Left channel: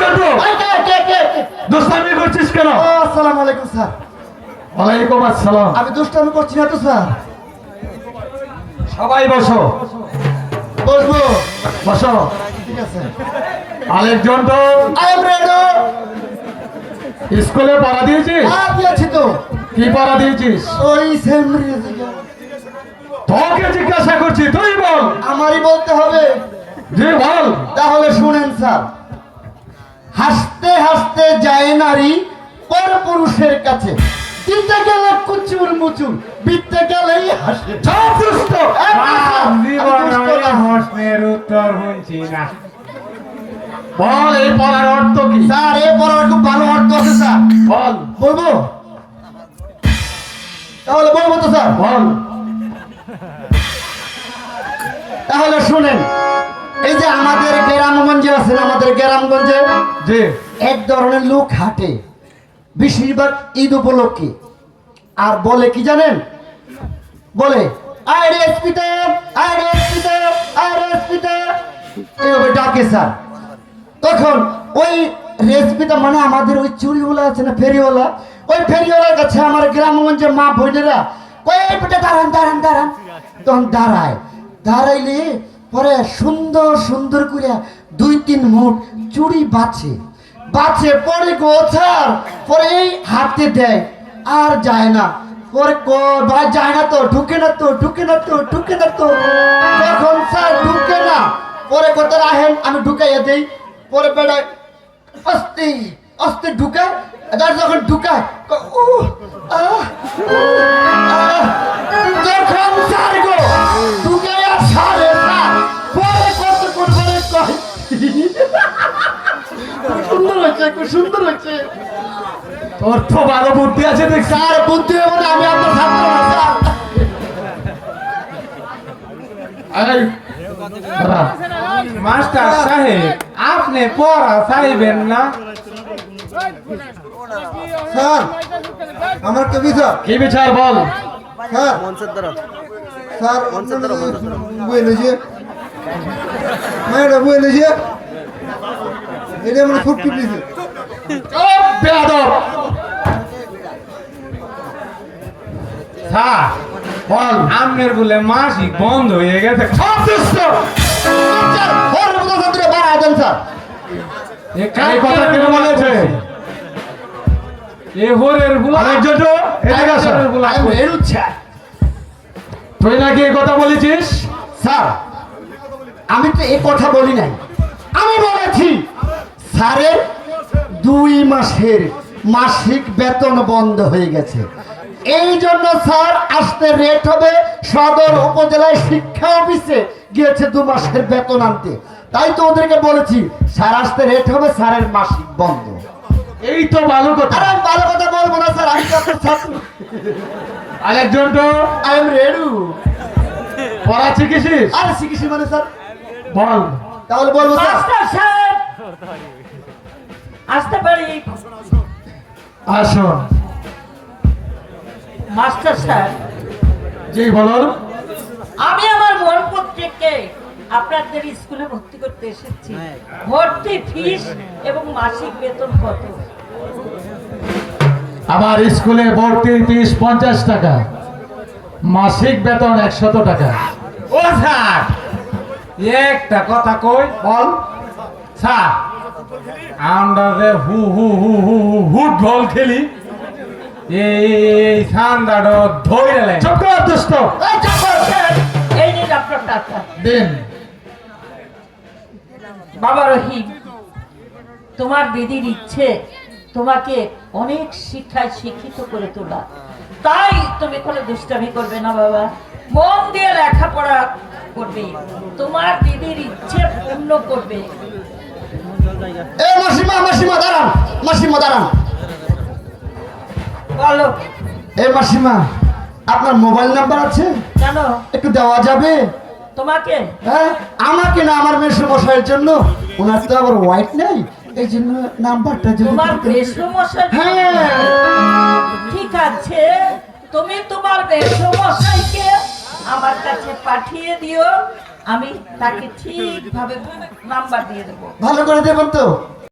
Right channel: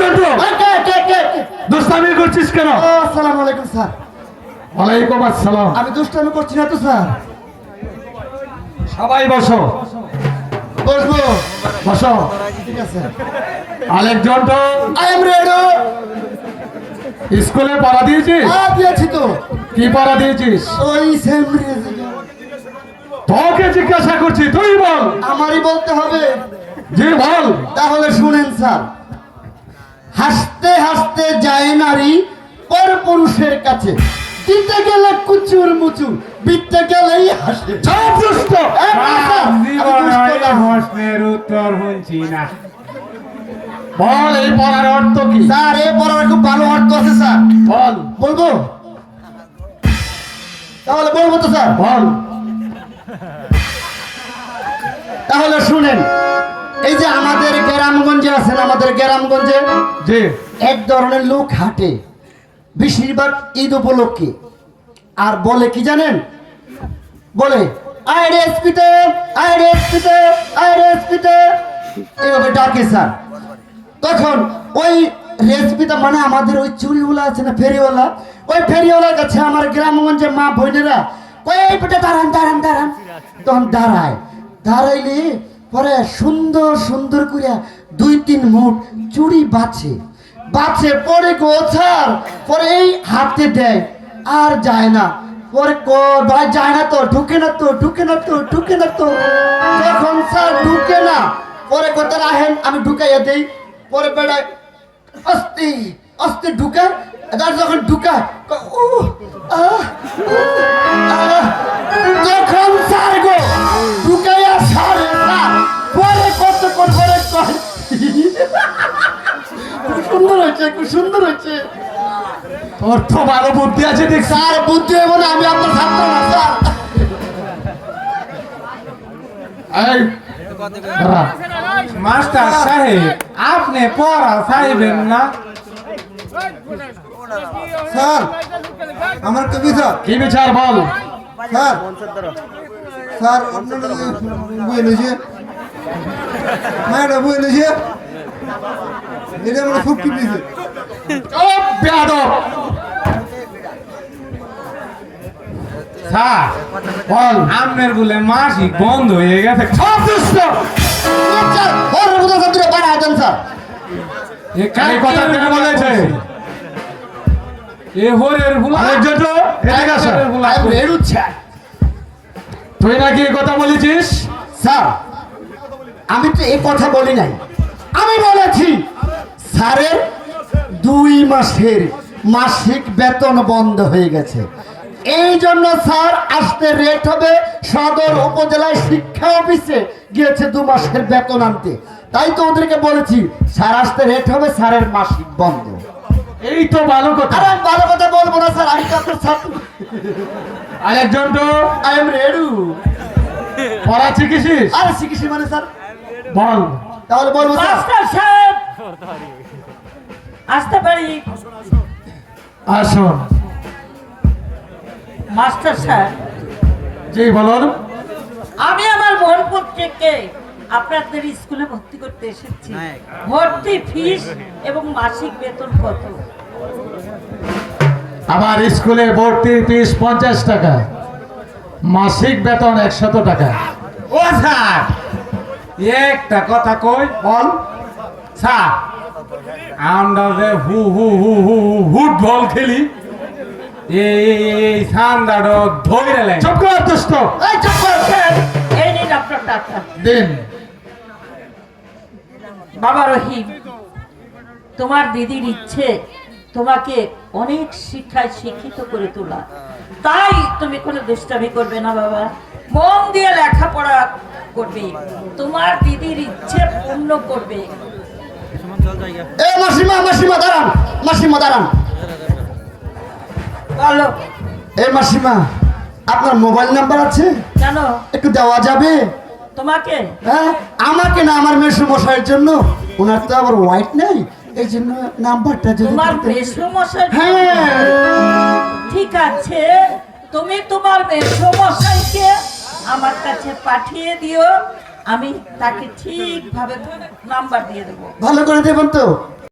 জন্টু এই কে, কে, কে, কে? দুষ্টামি করছিস কেন? আসসালামু আলাইকুম স্যার। ওয়ালাইকুম আসসালাম। আমি দুষ্টামি করছি না তো স্যার। সবাই বসো। বসবো। বসো। ঠিক আছে। I am ready. স্কুলে পড়া দিয়েছিস? হ্যাঁ দিয়েছি তো। কি পড়া দিয়েছিস? ওই সেম তোকে জিজ্ঞাসা করছি তুই বল। আমারই বলতে হবে। জি বল। তাহলে শুনেন স্যার হাসতে হাসতে যায় নারী পর পুরুষের কাছে। দিতে গেলে কুচুর মুচুর বিতে গেলেই হাসে। প্রশ্নের উত্তর শুনছি না। বল এই পড়ার অর্থ কি? স্যার এই পড়ার খুব ভালো অর্থ আছে স্যার। বল। বলব? তাহলে বলব তো স্যার। বল। গ্রামগঞ্জে জি। এক ধরনের লোক হাঁটে বেশিরভাগ ঈদ উপলক্ষে। আর বলে কি জানেন? বলে আরে এসপিতে আরে এসপিতে আরে এসপিতে এইভাবে ডাকে স্যার। তখন ওই রেসপিটা মানে আমাদের ওই চুরিওয়ালা আছে না ফেরিওয়ালা ওই ফেরিওয়ালার কাছে আমার গ্রামগঞ্জের মা বোনেরা ওই পেটে দাঁড়ান দাঁড়ান দাঁড়ান। তখন দাঁড়ায়। দাঁড়াইলে পরে সুন্দর সুন্দর করে দুই তিন মুঠ চুরি বাছে। বাছে পরে গোছার পরে এই হাতে দেয় আর যায় না। পরে যায় না তো ঢুকে না তো ঢুকে না তো ঢুকে না তো। তখন স্যার ঢুকে না পরে কোথায় আহেন আমি ঢুকাইয়া দেই। পরে বেড়ায় আস্তে আস্তে ঢুকা। যখন ঢুকা ক- উহ, হয়েছে খুব সুন্দর হয়েছে তোর তো ভালো বুদ্ধি আছে দেখ স্যার বুদ্ধি এবং আমি আপনার ছাত্র না স্যার। এই দাঁড়া। মাস্টার সাহেব আপনি পড়া চাইবেন না? স্যার আমার কি বিচার। কি বিচার বল? স্যার স্যার নিয়েছে। ম্যাডাম নিয়েছে। এটা আমার খুব বল। বন্ধ হয়ে গেছে। কথা বলেছে? এ হরের বুলা এদিকে আসো। আমি তুই নাকি এই কথা বলেছিস? স্যার আমি তো এই কথা বলি নাই। স্যারের দুই মাসের মাসিক বেতন বন্ধ হয়ে গেছে। এই জন্য স্যার আসতে রেট হবে। সদর উপজেলায় শিক্ষা অফিসে গিয়েছে দু মাসের বেতন আনতে। তাই তো ওদেরকে বলেছি স্যার আসতে রেট হবে স্যারের মাসিক বন্ধ। এই তো ভালো কথা। আরে ভালো কথা বলব না স্যার আমি তো আপনার ছাত্র। আরেক জন্টু আই এম রেডি পড়া শিখেছিস আরে শিখেছি মানে স্যার। বল। তাহলে বলব স্যার আসতে পারি? আসুন। মাস্টার সাহেব জি বলুন। আমি আমার মন পত্রিকে আপনাদের স্কুলে ভর্তি করতে এসেছি। ভর্তি ফিস এবং মাসিক বেতন কত? আমার স্কুলে ভর্তির ফিস পঞ্চাশ টাকা মাসিক বেতন একশত টাকা। ও স্যার একটা কথা কই বল। স্যার আমরা যে হু হু হু হু হু ফুটবল খেলি। এই সান্দাটা ধরে লাগে। চুপ করে দুষ্ট। এই চুপ করো, স্যার। এই নিন আপনার টাকা। দিন। বাবা রহিম তোমার দিদির ইচ্ছে তোমাকে অনেক শিক্ষায় শিক্ষিত করে তোলা। তাই তুমি কোনো দুষ্টামি করবে না বাবা। মন দিয়ে লেখাপড়া করবে। তোমার দিদির ইচ্ছে পূর্ণ করবে। এ মাসিমা মাসিমা দাঁড়ান। মাসিমা দাঁড়ান। বলো এ মাসিমা আপনার মোবাইল নাম্বার আছে? জানো একটু দেওয়া যাবে? তোমাকে? হ্যাঁ আমাকে না আমার মেসু মশাইয়ের জন্য। ওনার তো আবার হোয়াইট নেই। এই জন্য নাম্বারটা যদি তোমার দিতেন। বেশমশাই হ্যাঁ। ঠিক আছে। তুমি তোমার বেশমশাইকে আমার কাছে পাঠিয়ে দিও। আমি তাকে ঠিকভাবে নাম্বার দিয়ে দেবো। ভালো করে দেবেন তো।